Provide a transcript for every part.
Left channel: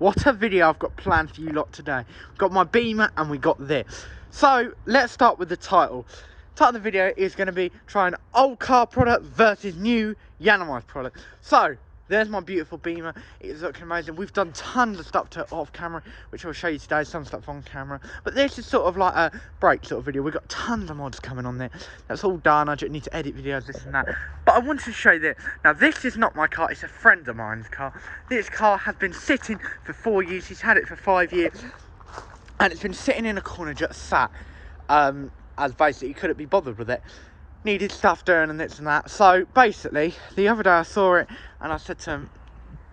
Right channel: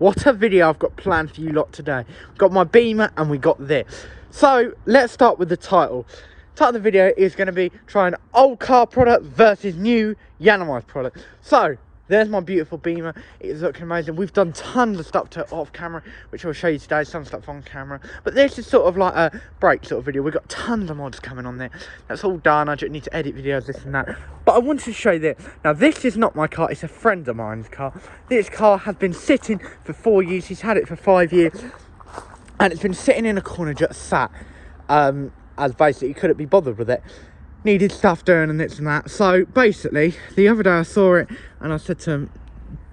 What a video I've got planned for you lot today. Got my Beamer and we got this. So let's start with the title. The title of the video is going to be trying old car product versus new yiannimize product. So there's my beautiful Beamer. It's looking amazing. We've done tons of stuff to off camera, which I'll show you today, some stuff on camera. But this is sort of like a break sort of video. We've got tons of mods coming on there. That's all done. I just need to edit videos, this and that. But I wanted to show you this. Now, this is not my car. It's a friend of mine's car. This car has been sitting for 4 years. He's had it for 5 years. And it's been sitting in a corner just sat. As basically, he couldn't be bothered with it. Needed stuff doing and this and that. So basically, the other day I saw it and I said to him,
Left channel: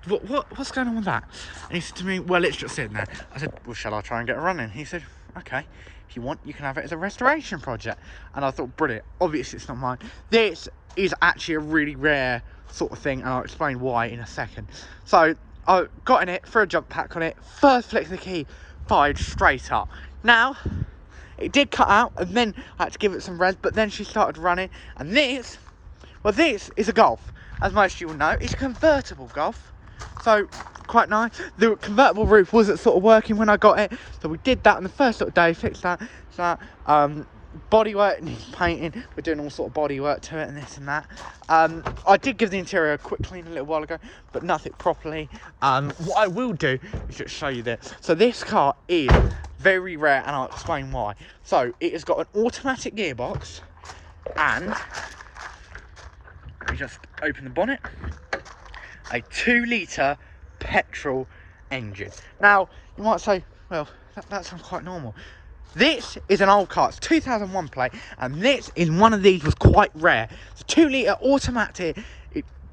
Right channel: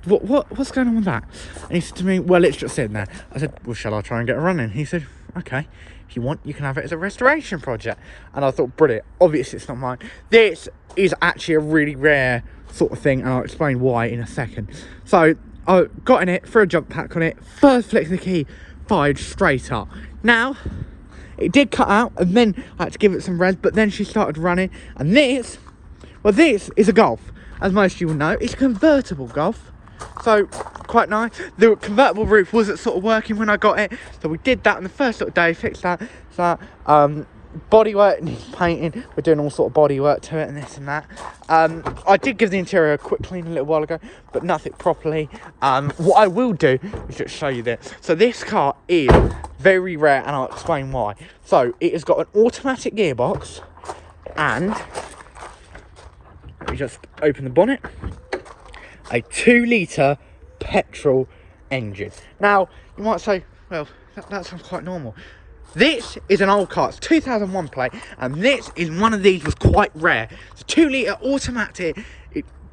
what's going on with that? And he said to me, well, it's just sitting there. I said, well, shall I try and get it running? He said, okay, if you want, you can have it as a restoration project. And I thought, brilliant. Obviously, it's not mine. This is actually a really rare sort of thing, and I'll explain why in a second. So I got in it, threw a jump pack on it, first flick of the key, fired straight up. Now, it did cut out, and then I had to give it some res, but then she started running. And this, well, this is a Golf, as most of you will know. It's a convertible Golf, so quite nice. The convertible roof wasn't sort of working when I got it, so we did that on the first sort of day, fixed that. So bodywork needs painting. We're doing all sort of bodywork to it and this and that. I did give the interior a quick clean a little while ago, but nothing properly. What I will do is just show you this. So this car is very rare, and I'll explain why. So it has got an automatic gearbox, and let me just open the bonnet. A 2-litre petrol engine. Now you might say, well, that sounds quite normal. This is an old car. It's 2001 plate, and this is one of these was quite rare. It's a 2-litre automatic.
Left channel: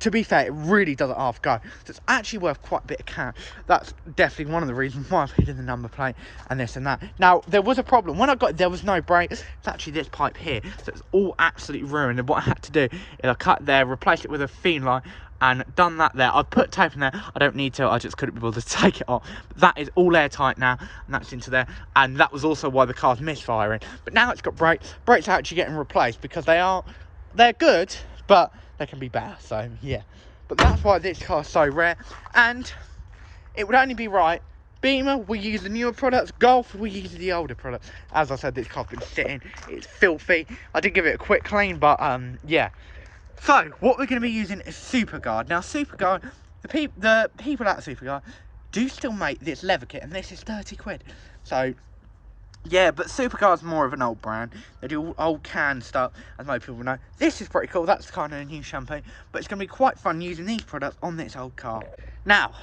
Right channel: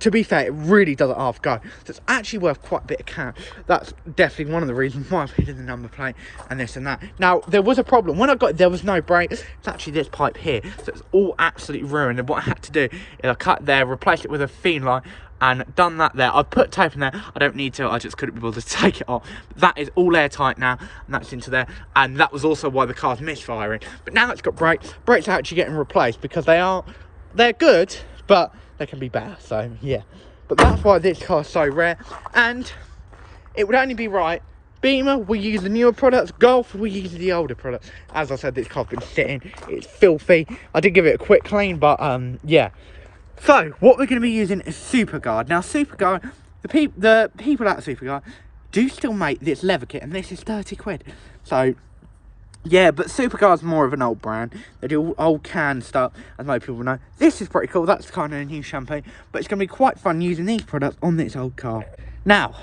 To be fair, it really doesn't half go. So it's actually worth quite a bit of cash. That's definitely one of the reasons why I put in the number plate and this and that. Now, there was a problem. When I got it, there was no brake. It's actually this pipe here. So it's all absolutely ruined. And what I had to do is I cut there, replaced it with a feed line, and done that there. I put tape in there. I don't need to. I just couldn't be bothered to take it off. But that is all airtight now, and that's into there. And that was also why the car's misfiring. But now it's got brakes. Brakes are actually getting replaced because they're good, but they can be better. So yeah, but that's why this car's so rare, and it would only be right. Beamer, we use the newer products. Golf, we use the older products. As I said, this car's been sitting. It's filthy. I did give it a quick clean, but yeah. So what we're going to be using is Superguard. Now Superguard, the people at Superguard do still make this leather kit, and this is 30 quid. So yeah, but Superguard's more of an old brand. They do old canned stuff, as most people know. This is pretty cool. That's kind of a new shampoo, but it's going to be quite fun using these products on this old car. Now,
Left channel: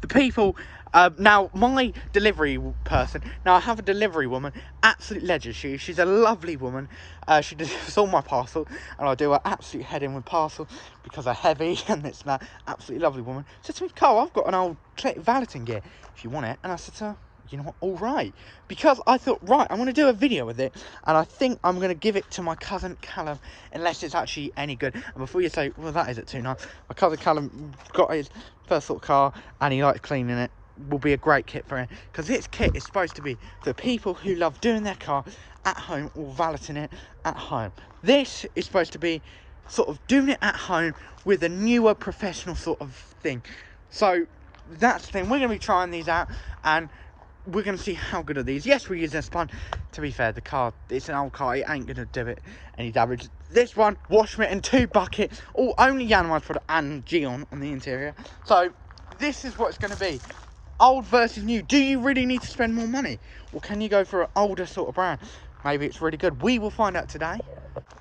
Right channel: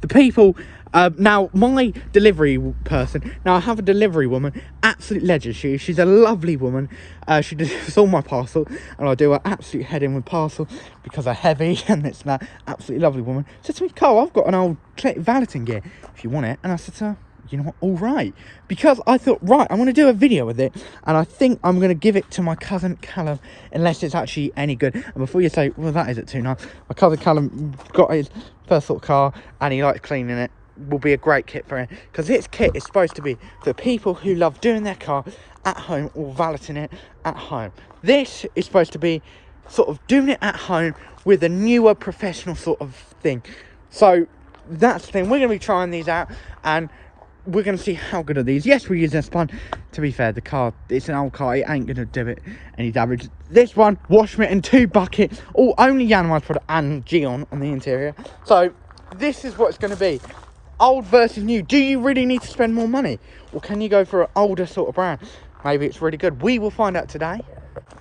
the people, now my delivery person, now I have a delivery woman, absolute legend. She's a lovely woman. She does all my parcel, and I do her absolute head in with parcel because they're heavy and it's that. Absolutely lovely woman. Said to me, Cole, I've got an old valeting gear if you want it. And I said to her, you know what, all right, because I thought, right, I want to do a video with it, and I think I'm going to give it to my cousin Callum, unless it's actually any good. And before you say, well, that isn't too nice, my cousin Callum got his first sort of car and he likes cleaning it. Will be a great kit for him, because this kit is supposed to be for people who love doing their car at home or valeting it at home. This is supposed to be sort of doing it at home with a newer professional sort of thing. So that's the thing. We're going to be trying these out, and we're going to see how good are these. Yes, we're using a spun. To be fair, the car, it's an old car. It ain't going to do it any damage. This one, wash mitt and 2 buckets. All only yiannimize product and Geon on the interior. So this is what it's going to be. Old versus new. Do you really need to spend more money? Or can you go for an older sort of brand? Maybe it's really good. We will find out today.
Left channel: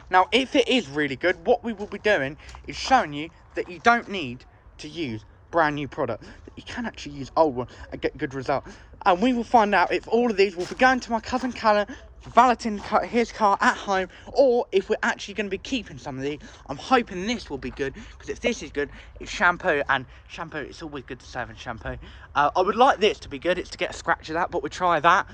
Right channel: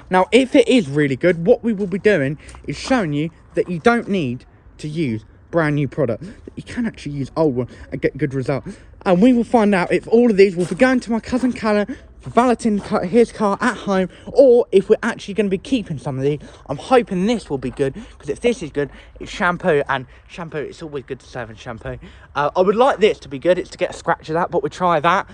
Now, if it is really good, what we will be doing is showing you that you don't need to use brand new product. That you can actually use old one and get good results. And we will find out if all of these will be going to my cousin Callum for valeting his car at home, or if we're actually going to be keeping some of these. I'm hoping this will be good, because if this is good, it's shampoo, and shampoo, it's always good to save in shampoo. I would like this to be good. It's to get a scratch of that, but we'll try that.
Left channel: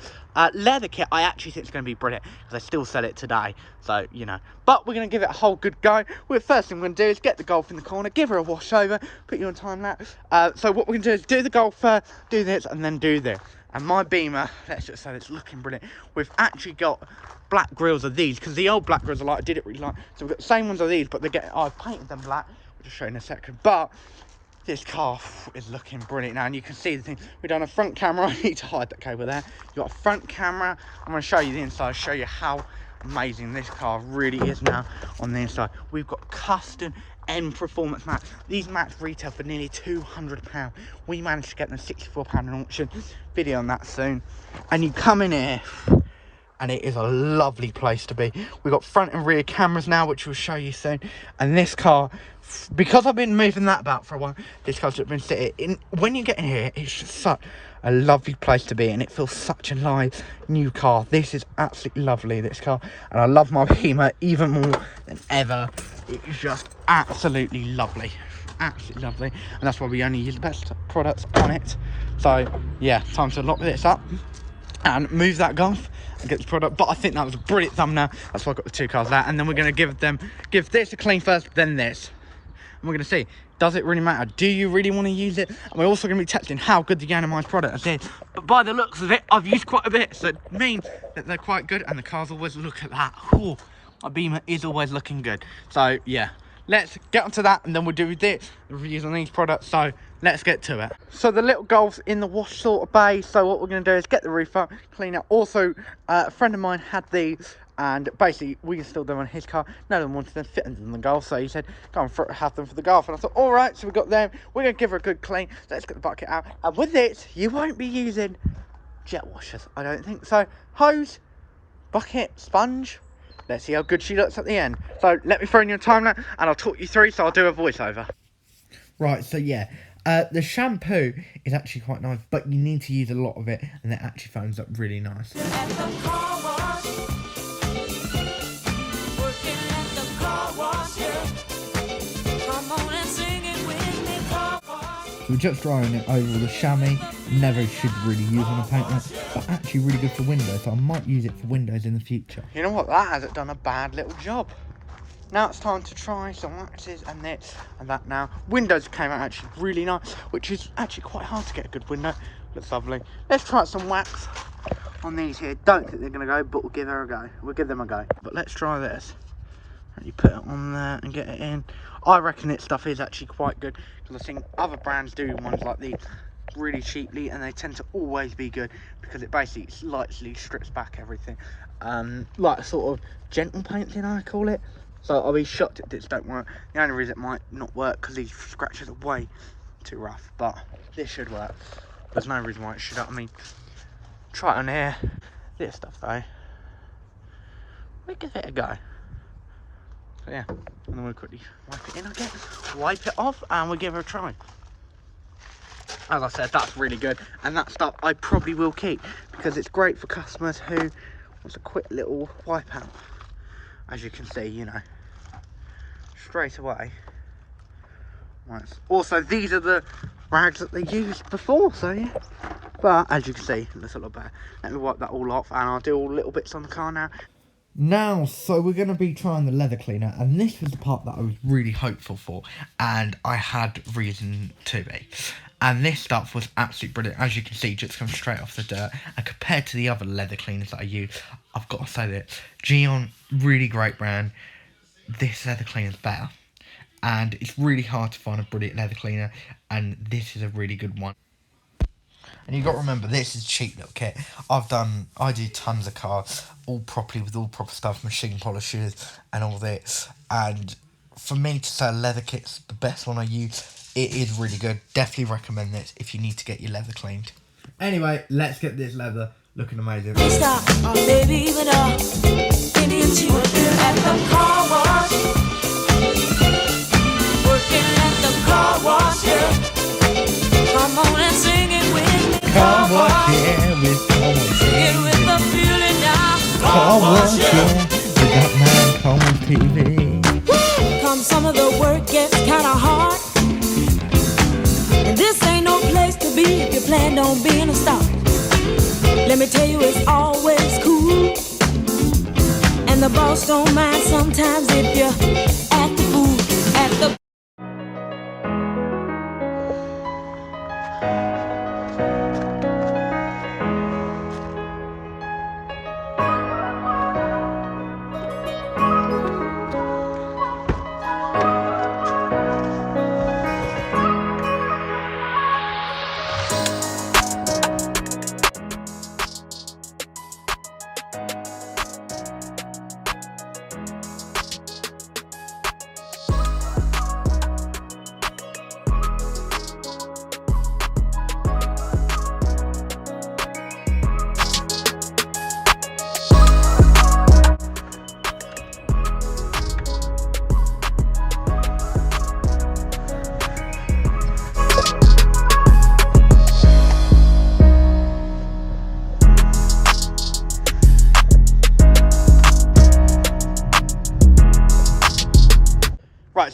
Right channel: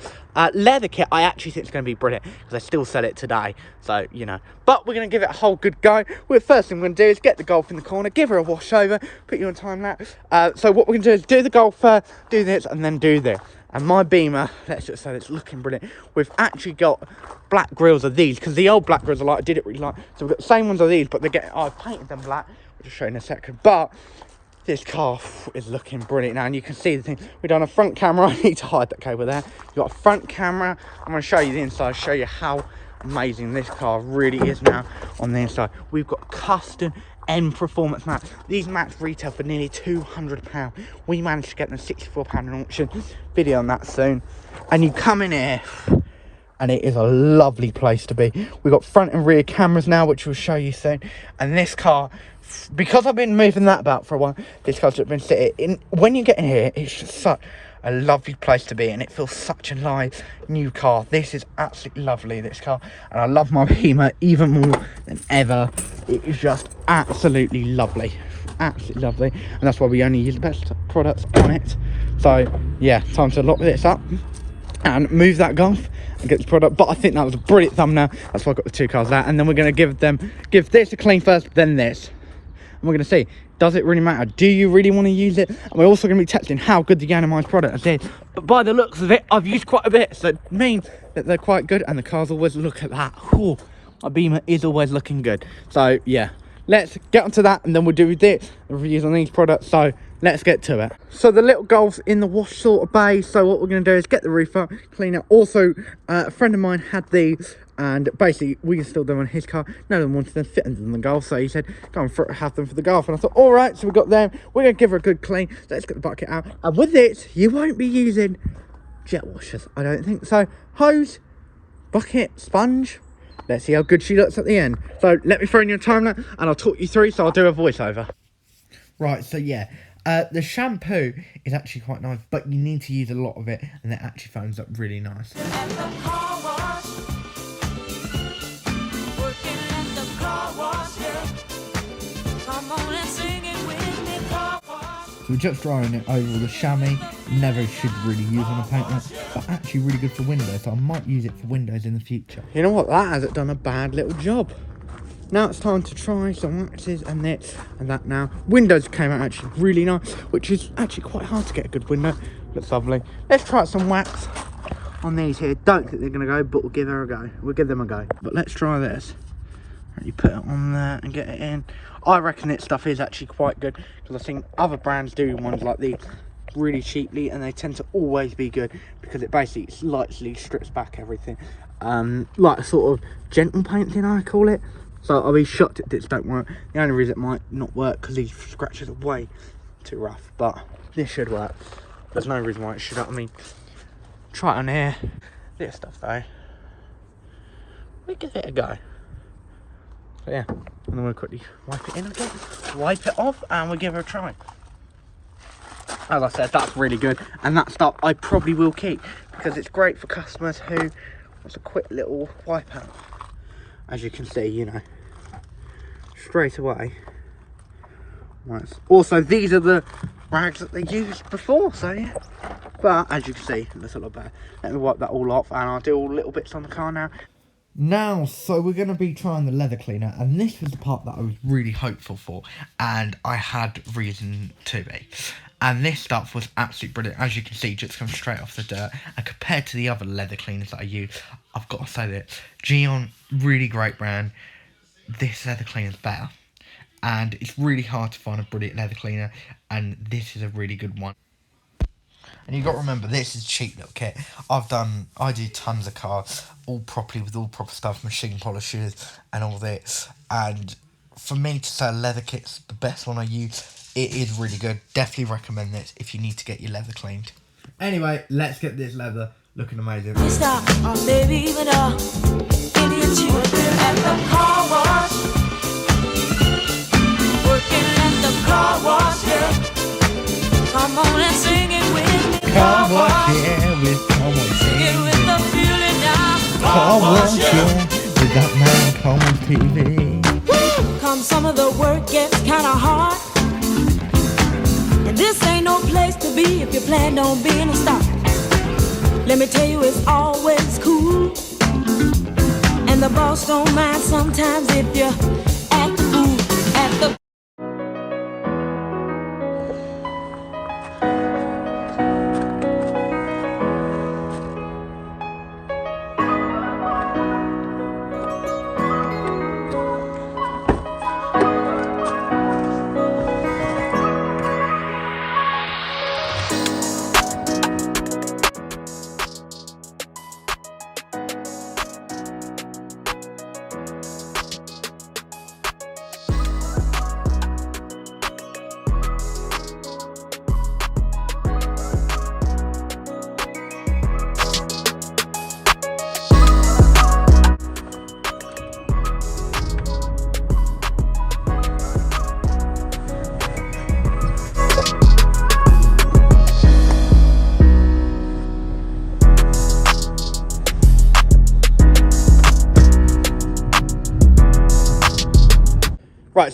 Leather kit, I actually think it's going to be brilliant, because I still sell it today, so you know. But we're going to give it a whole good go. Well, first thing we're going to do is get the Golf in the corner, give her a wash over, put you on time lapse. So what we're going to do is do the Golf first, do this, and then do this. And my Beamer, let's just say it's looking brilliant. We've actually got black grills of these, because the old black grills are like, I did it really like. So we've got the same ones of these, but I've painted them black, which I'll show you in a second. But This car is looking brilliant now, and you can see the thing. We've done a front camera. I need to hide that cable there. You've got a front camera. I'm going to show you the inside, show you how amazing this car really is now on the inside. We've got custom M performance mats. These mats retail for nearly £200. We managed to get them £64 in auction. Video on that soon. And you come in here, and it is a lovely place to be. We've got front and rear cameras now, which we'll show you soon. And this car, because I've been moving that about for a while, this car's been sitting in. When you get in here, it's just such a lovely place to be, and it feels such a nice new car. This is absolutely lovely, this car, and I love my Beamer even more than ever. It is just absolutely lovely, absolutely lovely, and that's why we only use the best products on it. So yeah, time to lock this up and move that Golf and get the product. But I think that was a brilliant thumbnail. That's why I got the two cars there, and then we're going to give this a clean first, then this, and we're going to see, does it really matter? Do you really want to use it? And we're also going to be testing how good the yiannimize product is. But by the looks of it, I've used quite a bit, so it means that they're quite good, and the cars always look at that. Ooh, my Beamer is always looking good. So yeah, let's get onto that, and then we'll do the reviews on these products. So let's get to it. So the little Golf's in the wash sort of bay. So what we're going to do is get the roof up, clean it. Also, a friend of mine had these, and basically we installed them on his car. No one wanted them fitted in the Golf, so he said, go and have them for the Golf. And I thought, all right, so we got them. We're going to give her a good clean. Let's get the bucket out. And with it, you won't be using jet washers, I don't think so. Hose, bucket, sponge. Let's see how good she looks at the end. So let me throw in your timeline, and I'll talk you through. So I'll do a voiceover. Right, so yeah, the shampoo is actually quite nice, but you need to use a lot of it, and it actually foams up really nice. So we're just drying it over the chamois. Never should really use on a paint mat, but actually really good for windows, so I might use it for windows in the future. You know what, that hasn't done a bad little job. Now it's time to try some waxes and this and that now. Windows came out actually really nice, which is actually quite hard to get a good window. Looks lovely. Let's try some wax on these here. Don't think they're going to go, but we'll give her a go. We'll give them a go. But let's try this. You put it on there and get it in. I reckon this stuff is actually quite good, because I've seen other brands do ones like these really cheaply, and they tend to always be good because it basically slightly strips back everything. Like a sort of gentle painting, I call it. So I'll be shocked if this don't work. The only reason it might not work because these scratches are way too rough, but this should work. There's no reason why it should. I mean, try it on here. This stuff though, we give it a go. So yeah, and then we'll quickly wipe it in again, wipe it off, and we'll give it a try. As I said, that's really good, and that stuff I probably will keep because it's great for customers who wants a quick little wipe out. As you can see, you know, straight away. Right. Also, these are the rags that they used before, so yeah. But as you can see, it looks a lot better. Let me wipe that all off, and I'll do all little bits on the car now. Now, so we're going to be trying the leather cleaner, and this was the part that I was really hopeful for, and I had reason to be. And this stuff was absolutely brilliant. As you can see, just comes straight off the dirt, and compared to the other leather cleaners that I use, I've got to say that Gion, really great brand, this leather cleaner is better. And it's really hard to find a brilliant leather cleaner, and this is a really good one. And you've got to remember, this is a cheap little kit. I do tons of cars, all properly, with all proper stuff, machine polishes and all this. And for me to say leather kit's the best one I use, it is really good. Definitely recommend this if you need to get your leather cleaned. Anyway, let's get this leather looking amazing. Stop, baby, even Indian at the car wash. Working at the car wash, yeah. Come on and sing it with me. Car wash, yeah, with come on, sing it with the feeling now. Car wash, yeah, with that man, come on TV. Woo! Come some of the work gets kinda hard, and this ain't no place to be if you plan on being a star. Let me tell you, it's always cool, and the boss don't mind sometimes if you act the fool at the.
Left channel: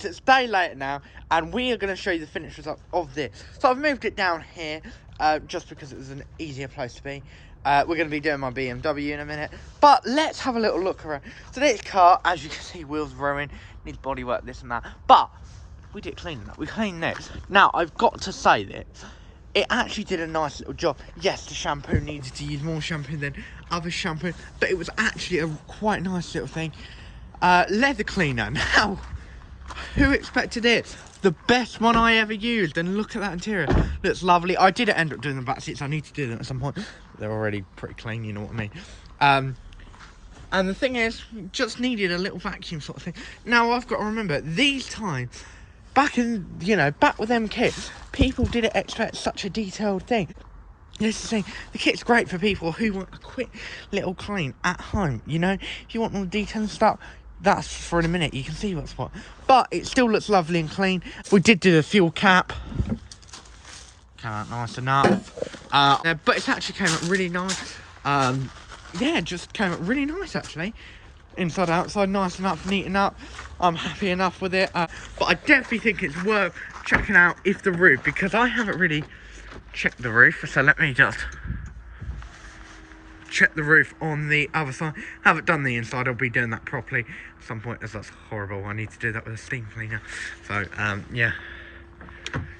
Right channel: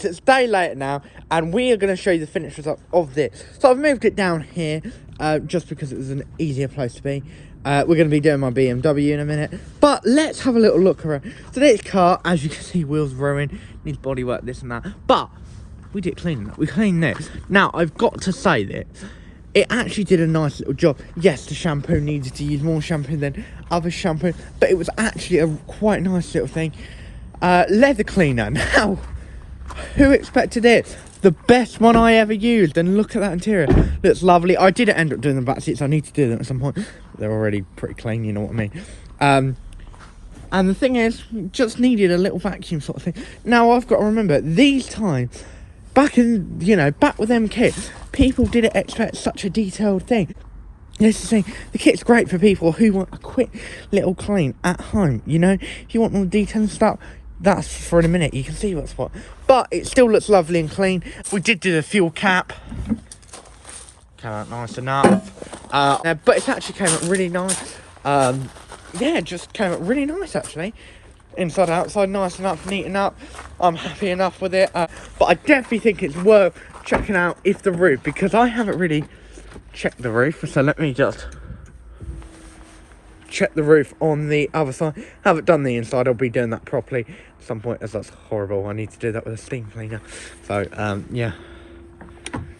so it's a day later now, and we are going to show you the finished result of this. So I've moved it down here, just because it was an easier place to be. We're going to be doing my BMW in a minute, but let's have a little look around. So this car, as you can see, wheels ruined, needs bodywork, this and that, but we did clean that. We cleaned this. Now, I've got to say that it actually did a nice little job. Yes, the shampoo needed to use more shampoo than other shampoo, but it was actually a quite nice little thing. Leather cleaner. Now, who expected it? The best one I ever used, and look at that interior. Looks lovely. I didn't end up doing the back seats. I need to do them at some point. They're already pretty clean, you know what I mean. And the thing is, just needed a little vacuum sort of thing. Now, I've got to remember, these times, back in, you know, back with them kits, people didn't expect such a detailed thing. This is the thing, the kit's great for people who want a quick little clean at home, you know. If you want all the detail and stuff, that's for in a minute, you can see what's what. But it still looks lovely and clean. We did do the fuel cap. Came out nice enough. But it actually came out really nice. Yeah, it just came out really nice actually. Inside outside, nice enough, neat enough. I'm happy enough with it. But I definitely think it's worth checking out if the roof, because I haven't really checked the roof. So let me just check the roof on the other side. Haven't done the inside. I'll be doing that properly at some point, as that's horrible. I need to do that with a steam cleaner. So yeah,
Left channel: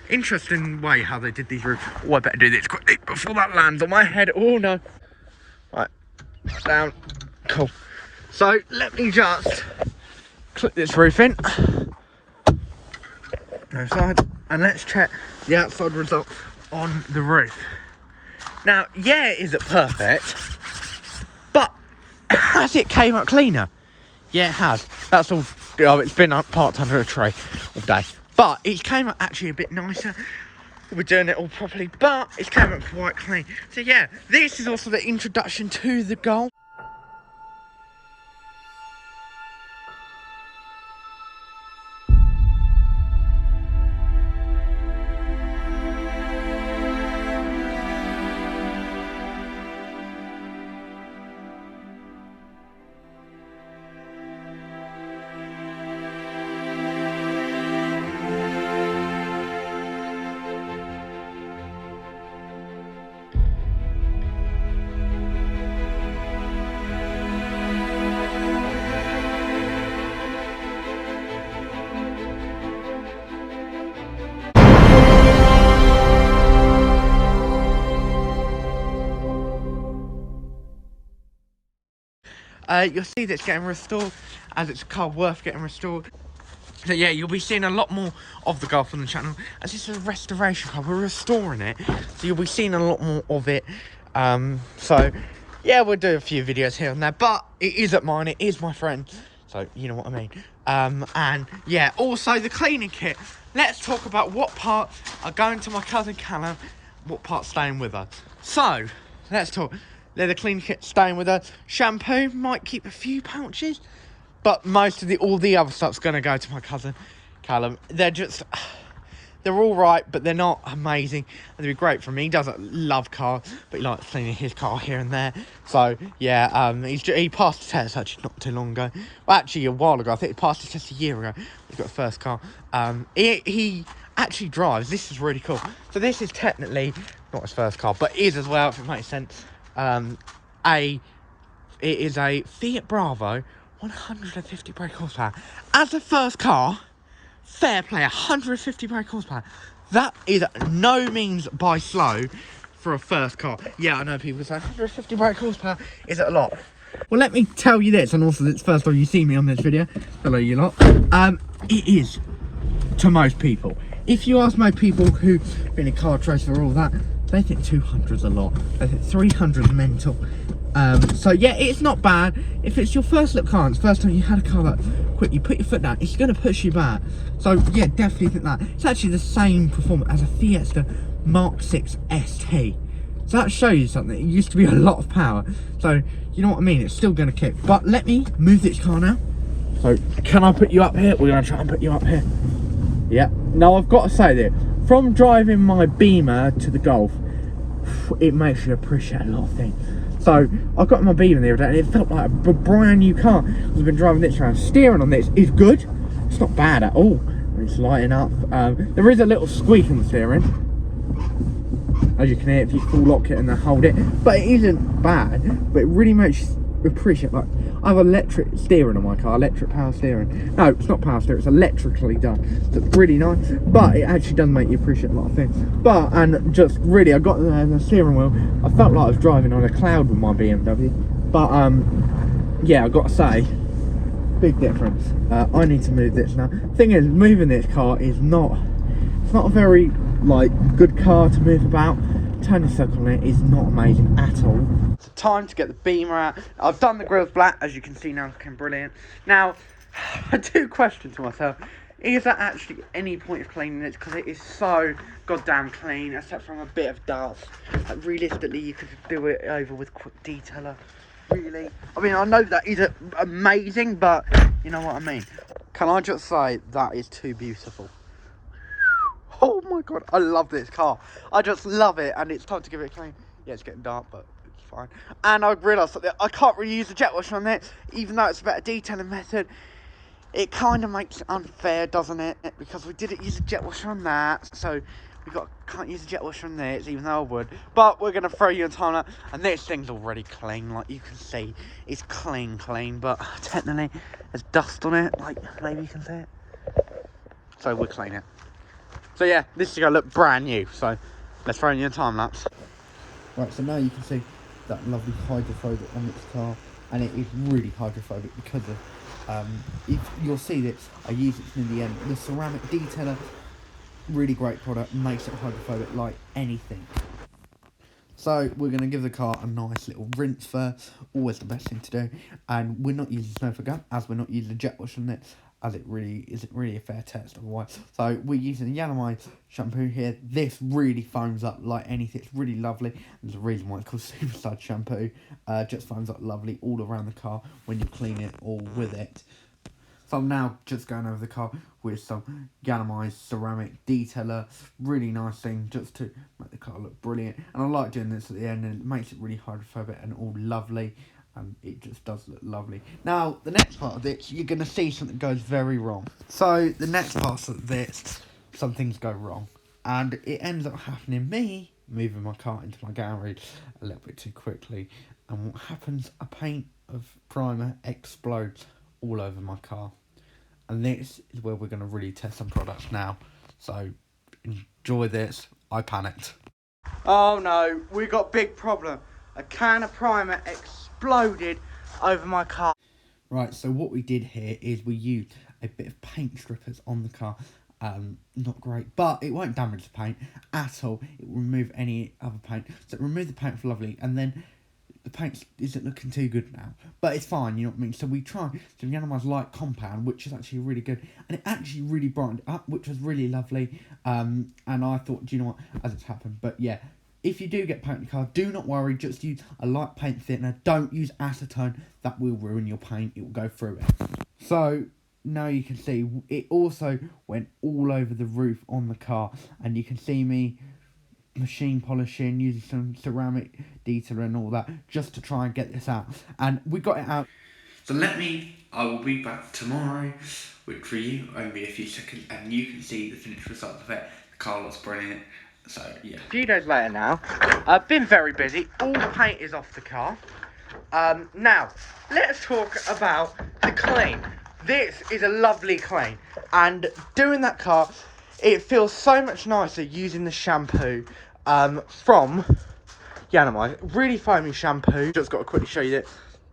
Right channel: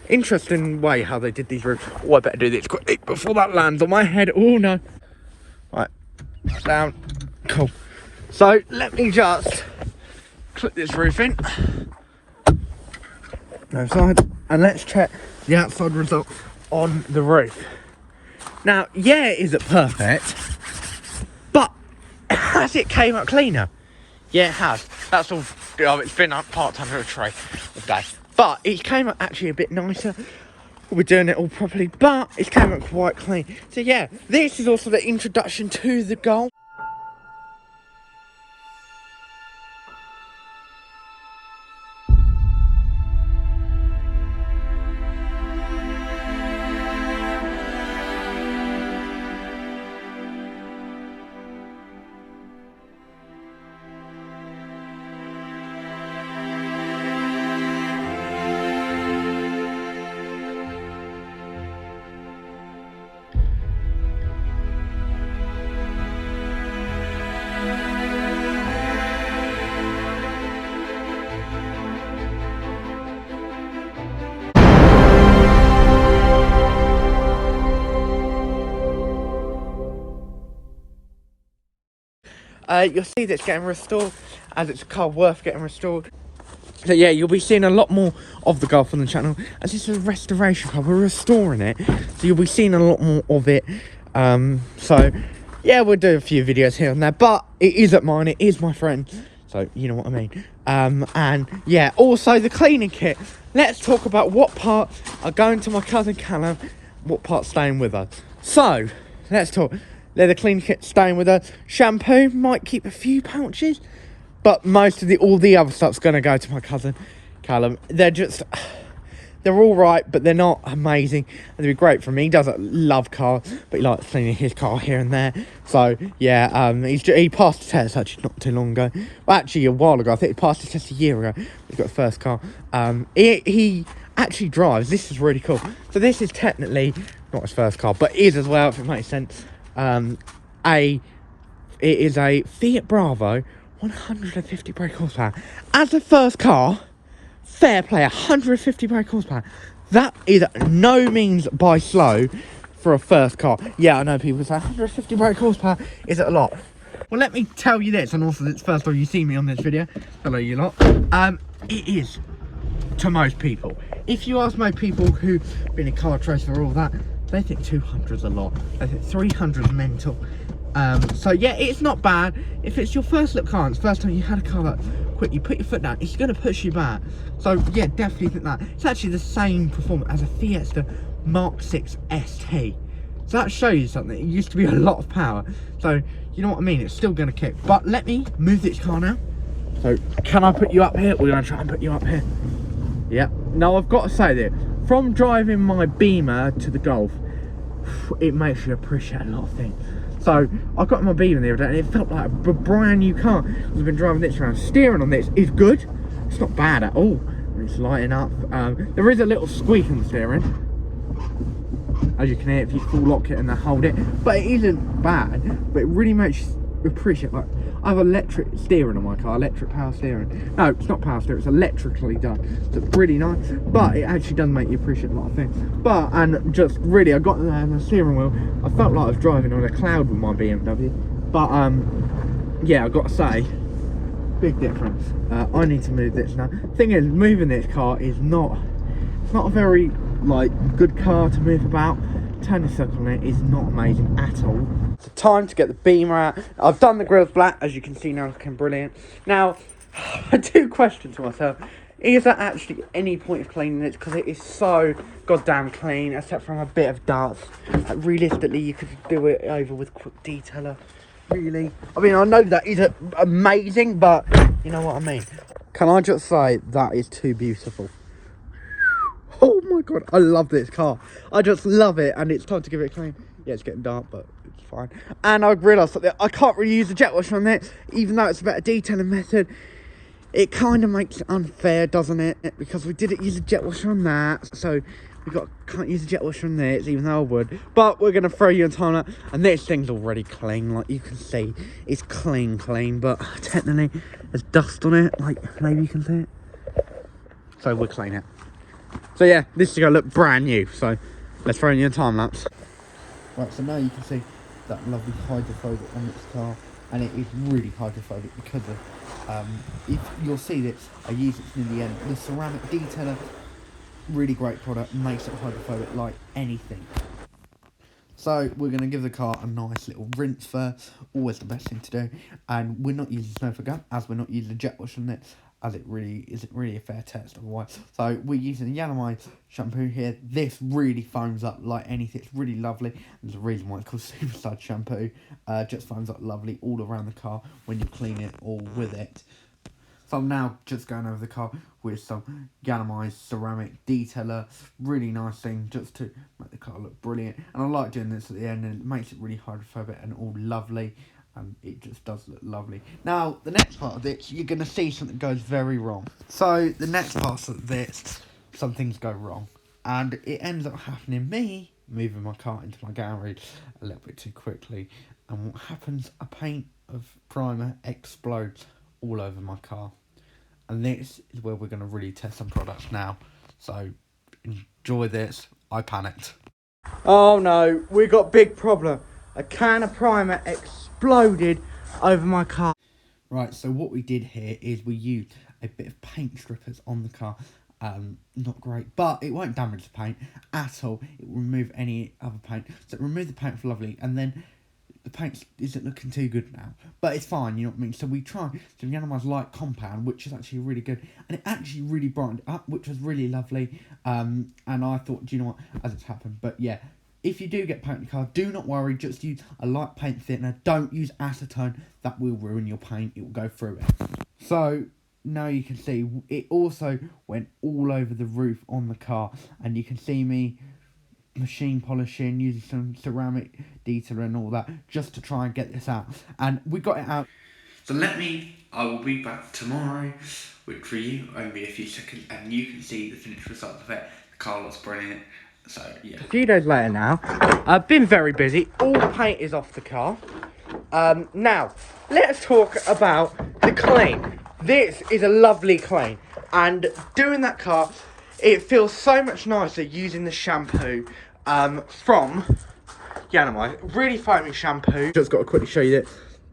interesting way how they did these roofs. Oh, I better do this quickly before that lands on my head. Oh no. Right, down. Cool. So let me just clip this roof in. No side, and let's check the outside result on the roof. Now, yeah, it isn't perfect, but has it came out cleaner? Yeah, it has. That's all. It's been up parked under a tree all day, but it came out actually a bit nicer. We're doing it all properly, but it came out quite clean. So yeah, this is also the introduction to the Golf. You'll see that it's getting restored, as it's a car worth getting restored. So yeah, you'll be seeing a lot more of the Golf on the channel, as this is a restoration car. We're restoring it, so you'll be seeing a lot more of it. So yeah, we'll do a few videos here and there, but it isn't mine, it is my friend, so you know what I mean. And yeah, also the cleaning kit. Let's talk about what parts are going to my cousin Callum, what part's staying with us. So let's talk. Leather cleaning kit staying with us. Shampoo might keep a few pouches, but most of all the other stuff's going to go to my cousin Callum. They're all right, but they're not amazing. They'd be great for me. He doesn't love cars, but he likes cleaning his car here and there. So yeah, he passed the test actually not too long ago. Well, actually a while ago. I think he passed the test a year ago. He's got a first car. He actually drives. This is really cool. So this is technically not his first car, but is as well, if it makes sense. It is a Fiat Bravo, 150 brake horsepower. As a first car, fair play, 150 brake horsepower. That is no means by slow for a first car. Yeah, I know people say 150 brake horsepower is a lot. Well, let me tell you this, and also it's the first time you see me on this video. Hello, you lot. It is to most people. If you ask my people who've been in car trades for all that, they think 200's a lot. They think 300's mental. So yeah, it's not bad. If it's your first little car, and it's the first time you had a car that quick, you put your foot down, it's going to push you back. So yeah, definitely think that. It's actually the same performance as a Fiesta Mark 6 ST. So that shows you something. It used to be a lot of power. So you know what I mean? It's still going to kick. But let me move this car now. So can I put you up here? We're going to try and put you up here. Yep. Now I've got to say that from driving my Beamer to the Golf, it makes you appreciate a lot of things. So I got my Beamer the other day and it felt like a brand new car. I've been driving this around. Steering on this is good. it's not bad at all when it's lighting up. There is a little squeak on the steering, as you can hear if you full lock it and then hold it, but it isn't bad. But it really makes you appreciate, like, I have electric steering on my car, electric power steering. No, it's not power steering, it's electrically done. So it's really nice, but it actually does make you appreciate a lot of things. But, and just really, I got the steering wheel, I felt like I was driving on a cloud with my BMW. But, yeah, I got to say, big difference. I need to move this now. Thing is, moving this car is not, it's not a very, like, good car to move about. Turning circle on it is not amazing at all. It's time to get the beamer out. I've done the grills black, as you can see now, looking brilliant. Now, I do question to myself, is there actually any point of cleaning it? Because it is so goddamn clean, except from a bit of dust. Like, realistically, you could do it over with quick detailer. Really, I mean, I know that is amazing, but you know what I mean. Can I just say that is too beautiful? Oh my god, I love this car. I just love it, and it's time to give it a clean. Yeah, it's getting dark, but it's fine. And I realised that I can't really use the jet washer on it, even though it's a better detailing method. It kind of makes it unfair, doesn't it? Because we didn't use a jet washer on that, so can't use a jet washer on this, even though I would. But we're gonna throw you a time lapse, and this thing's already clean, like you can see. It's clean, but technically there's dust on it, like maybe you can see it. So we'll clean it. So yeah, this is gonna look brand new. So let's throw you a time lapse. Right, so now you can see that lovely hydrophobic on its car, and it is really hydrophobic because of if you'll see this, I use it in the end. The ceramic detailer, really great product, makes it hydrophobic like anything. So we're going to give the car a nice little rinse first, always the best thing to do. And we're not using Snowflake gun, as we're not using a jet wash on it, as it really isn't really a fair test otherwise. So we're using the yiannimize shampoo here. This really foams up like anything. It's really lovely. There's a reason why it's called Superstar shampoo. Just foams up lovely all around the car when you clean it all with it. So I'm now just going over the car with some yiannimize ceramic detailer. Really nice thing just to make the car look brilliant. And I like doing this at the end, and it makes it really hydrophobic and all lovely. And it just does look lovely. Now, the next part of this, you're going to see something goes very wrong. So, the next part of this, some things go wrong. And it ends up happening me moving my car into my garage a little bit too quickly. And what happens, a paint of primer explodes all over my car. And this is where we're going to really test some products now. So, enjoy this. I panicked. Oh no, we got big problem. A can of primer exploded over my car. Right, so what we did here is we used a bit of paint strippers on the car. Not great, but it won't damage the paint at all. It will remove any other paint. So it removed the paint for lovely, and then the paint isn't looking too good now. But it's fine, you know what I mean? So we tried some yiannimize light compound, which is actually really good. And it actually really brightened up, which was really lovely. And I thought, do you know what, as it's happened. But yeah, if you do get paint in your car, do not worry. Just use a light paint thickener. Don't use acetone. That will ruin your paint. It will go through it. So now you can see it also went all over the roof on the car. And you can see me machine polishing, using some ceramic detailer and all that, just to try and get this out. And we got it out. So I will be back tomorrow, which for you only be a few seconds, and you can see the finished result of it. The car looks brilliant. So yeah. A few days later now, I've been very busy. All paint is off the car. Now, let's talk about the clean. This is a lovely clean, and doing that car, it feels so much nicer using the shampoo from yiannimize. Really foamy shampoo. Just got to quickly show you that.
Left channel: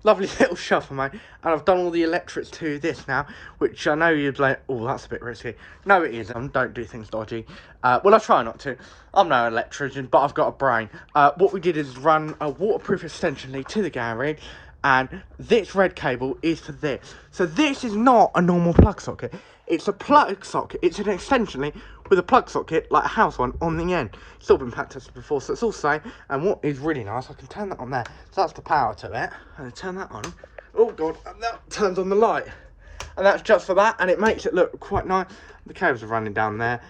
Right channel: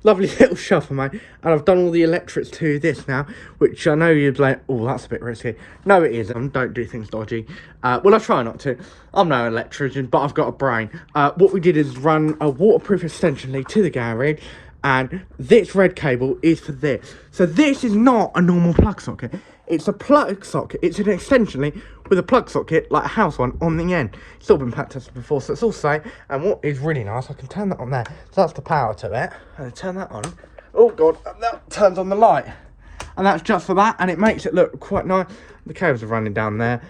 Lovely little shuffle, mate. And I've done all the electrics to this now, which I know you'd like, oh, that's a bit risky. No, it isn't. Don't do things dodgy. Well, I try not to. I'm no electrician, but I've got a brain. What we did is run a waterproof extension lead to the garage, and this red cable is for this. So this is not a normal plug socket. It's a plug socket. It's an extension lead with a plug socket, like a house one, on the end. It's all been pack tested before, so it's all safe. And what is really nice, I can turn that on there. So that's the power to it. And I turn that on. Oh god, and that turns on the light. And that's just for that, and it makes it look quite nice. The cables are running down there.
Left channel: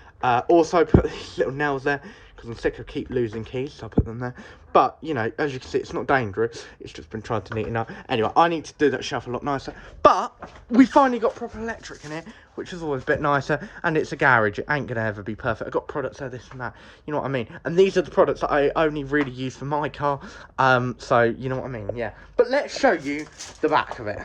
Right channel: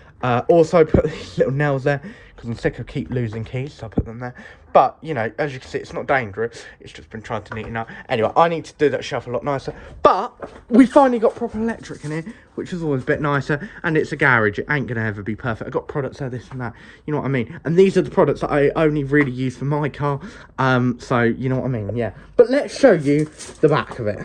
Also put these little nails there. because I'm sick of keep losing keys, so I put them there. But, you know, as you can see, it's not dangerous. It's just been trying to neaten up. Anyway, I need to do that shelf a lot nicer. But we finally got proper electric in here, which is always a bit nicer. And it's a garage. It ain't going to ever be perfect. I've got products there, this and that. You know what I mean? And these are the products that I only really use for my car. So, you know what I mean? Yeah. But let's show you the back of it.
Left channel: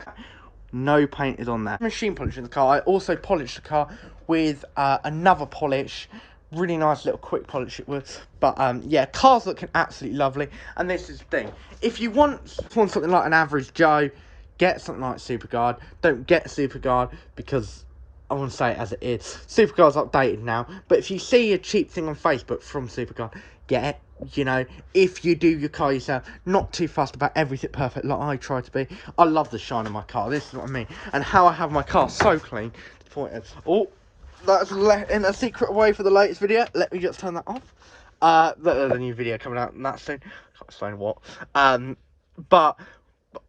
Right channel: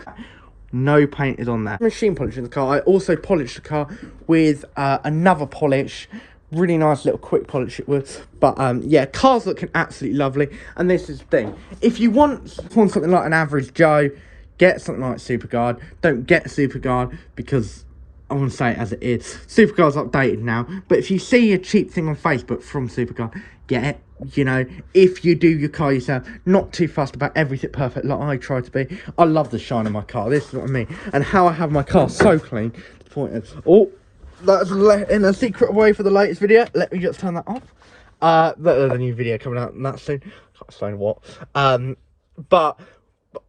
No paint is on there. Machine polish in the car. I also polished the car with another polish. Really nice little quick polish it was. But yeah, car's looking absolutely lovely. And this is the thing. If you want something like an average Joe, get something like Superguard. Don't get Superguard because I want to say it as it is. Superguard's updated now. But if you see a cheap thing on Facebook from Superguard, get it. You know, if you do your car yourself, not too fussed about everything perfect like I try to be. I love the shine of my car. This is what I mean. And how I have my car so clean. The point is, oh, that's letting a secret away for the latest video. Let me just turn that off. There's a new video coming out and that's soon. Can't explain what. But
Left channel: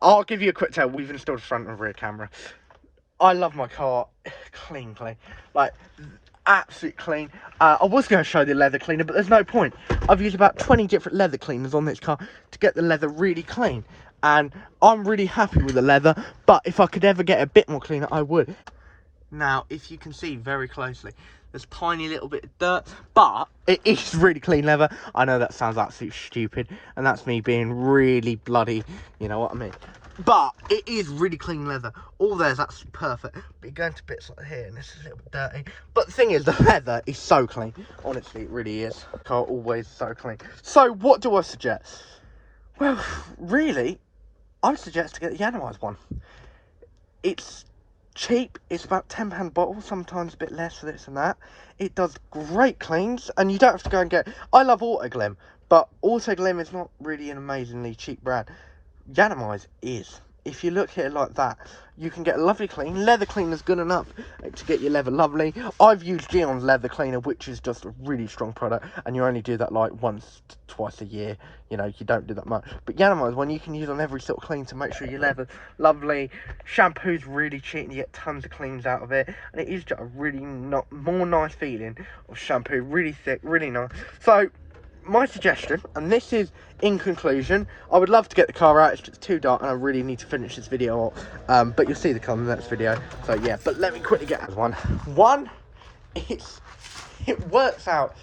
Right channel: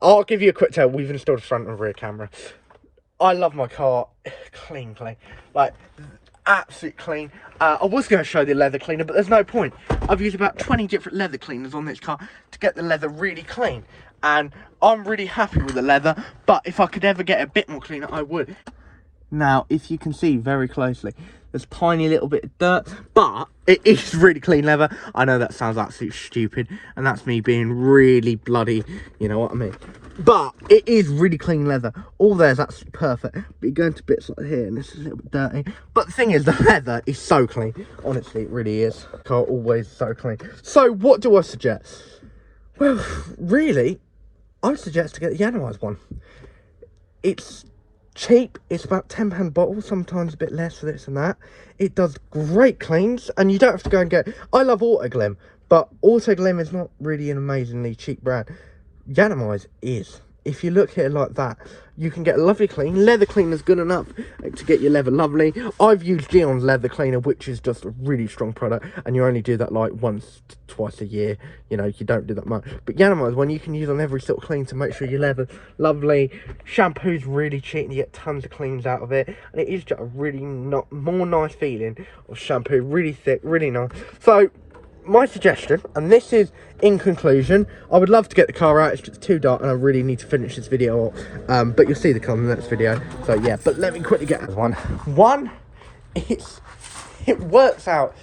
I'll give you a quick tell. We've installed a front and rear camera. I love my car clean. Like, absolute clean. I was going to show the leather cleaner, but there's no point. I've used about 20 different leather cleaners on this car to get the leather really clean. And I'm really happy with the leather, but if I could ever get a bit more cleaner, I would. Now, if you can see very closely, there's a tiny little bit of dirt, but it is really clean leather. I know that sounds absolutely stupid, and that's me being really bloody, you know what I mean. But it is really clean leather. All there's absolutely perfect. But you go into bits like here, and this is a little bit dirty. But the thing is, the leather is so clean. Honestly, it really is. Car always so clean. So, what do I suggest? Well, really, I suggest to get the yiannimize one. It's cheap. It's about £10 bottle, sometimes a bit less for this and that. It does great cleans, and you don't have to go and get... I love Autoglym, but Autoglym is not really an amazingly cheap brand. yiannimize is. If you look at it like that, you can get a lovely clean. Leather cleaner's good enough to get your leather lovely. I've used Dion's leather cleaner, which is just a really strong product, and you only do that like once to twice a year. You know, you don't do that much. But yiannimize one you can use on every sort of clean to make sure your leather lovely. Shampoo's really cheap and you get tons of cleans out of it, and it is just a really more nice feeling of shampoo. Really thick, really nice. So my suggestion, and this is in conclusion, I would love to get the car out. It's just too dark and I really need to finish this video up. But you'll see the car in the next video. So yeah, but let me quickly get one. It works out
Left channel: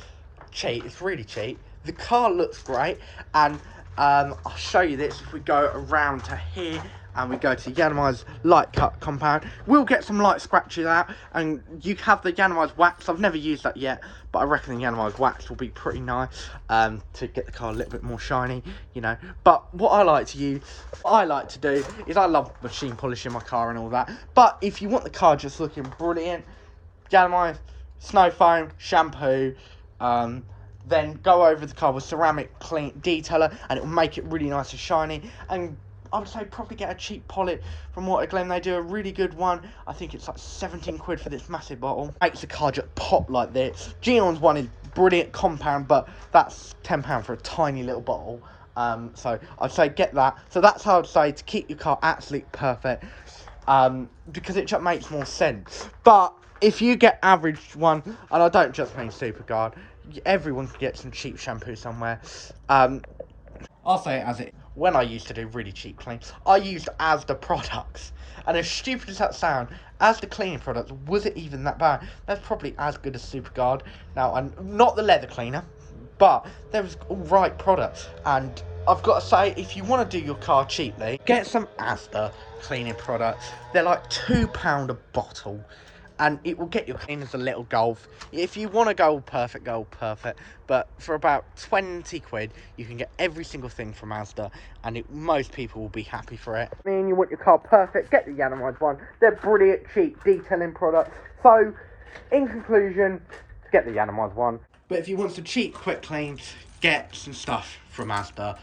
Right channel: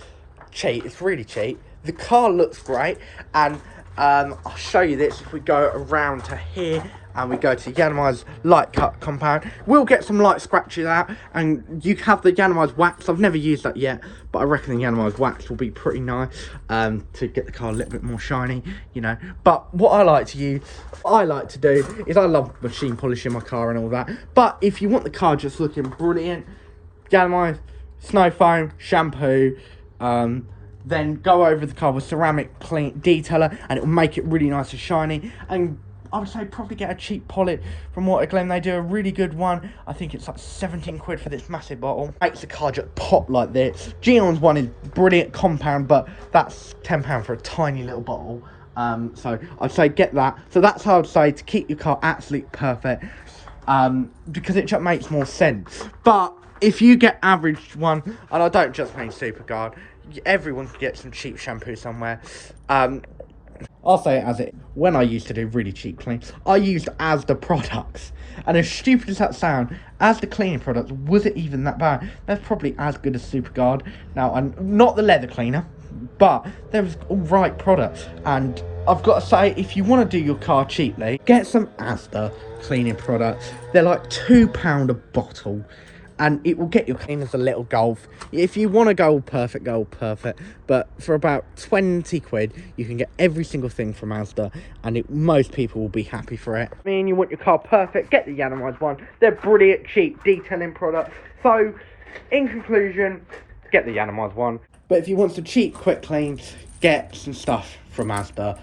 cheap. It's really cheap. The car looks great, and I'll show you this. If we go around to here and we go to yiannimize light cut compound, we'll get some light scratches out, and you have the yiannimize wax. I've never used that yet, but I reckon the yiannimize wax will be pretty nice to get the car a little bit more shiny, you know. But what I like to do is I love machine polishing my car and all that. But if you want the car just looking brilliant, yiannimize, snow foam, shampoo, then go over the car with ceramic clean detailer, and it will make it really nice and shiny. And I would say probably get a cheap polish from Autoglym. They do a really good one. I think it's like 17 quid for this massive bottle. Makes the car just pop like this. Gion's one is brilliant compound, but that's £10 for a tiny little bottle. So I'd say get that. So that's how I'd say to keep your car absolutely perfect, because it just makes more sense. But if you get average one, and I don't just mean Superguard, everyone can get some cheap shampoo somewhere. I'll say it as it. When I used to do really cheap cleans, I used Asda products. And as stupid as that sounds, Asda cleaning products, was it even that bad? That's probably as good as Superguard. Now, I'm not the leather cleaner, but there was alright products. And I've got to say, if you want to do your car cheaply, get some Asda cleaning products. They're like £2 a bottle. And it will get you clean as a little golf. If you want to go perfect, go perfect. But for about 20 quid, you can get every single thing from Asda, and most people will be happy for it. I mean, you want your car perfect, get the yiannimize one. They're brilliant, cheap, detailing products. So, in conclusion, get the yiannimize one. But if you want some cheap, quick clean, get some stuff from Asda.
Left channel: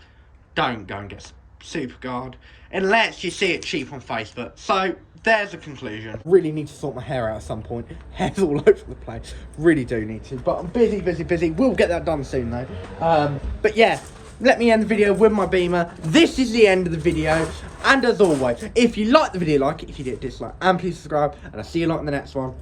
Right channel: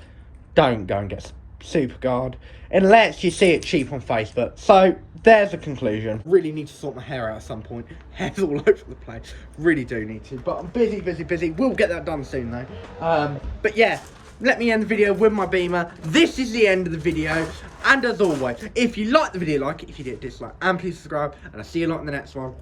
Don't go and get Superguard, unless you see it cheap on Facebook. So there's a conclusion. Really need to sort my hair out at some point. Hair's all over the place. Really do need to, but I'm busy. We'll get that done soon though. But yeah, let me end the video with my Beamer. This is the end of the video, and as always, if you like the video, like it. If you did, dislike, and please subscribe, and I'll see you lot in the next one.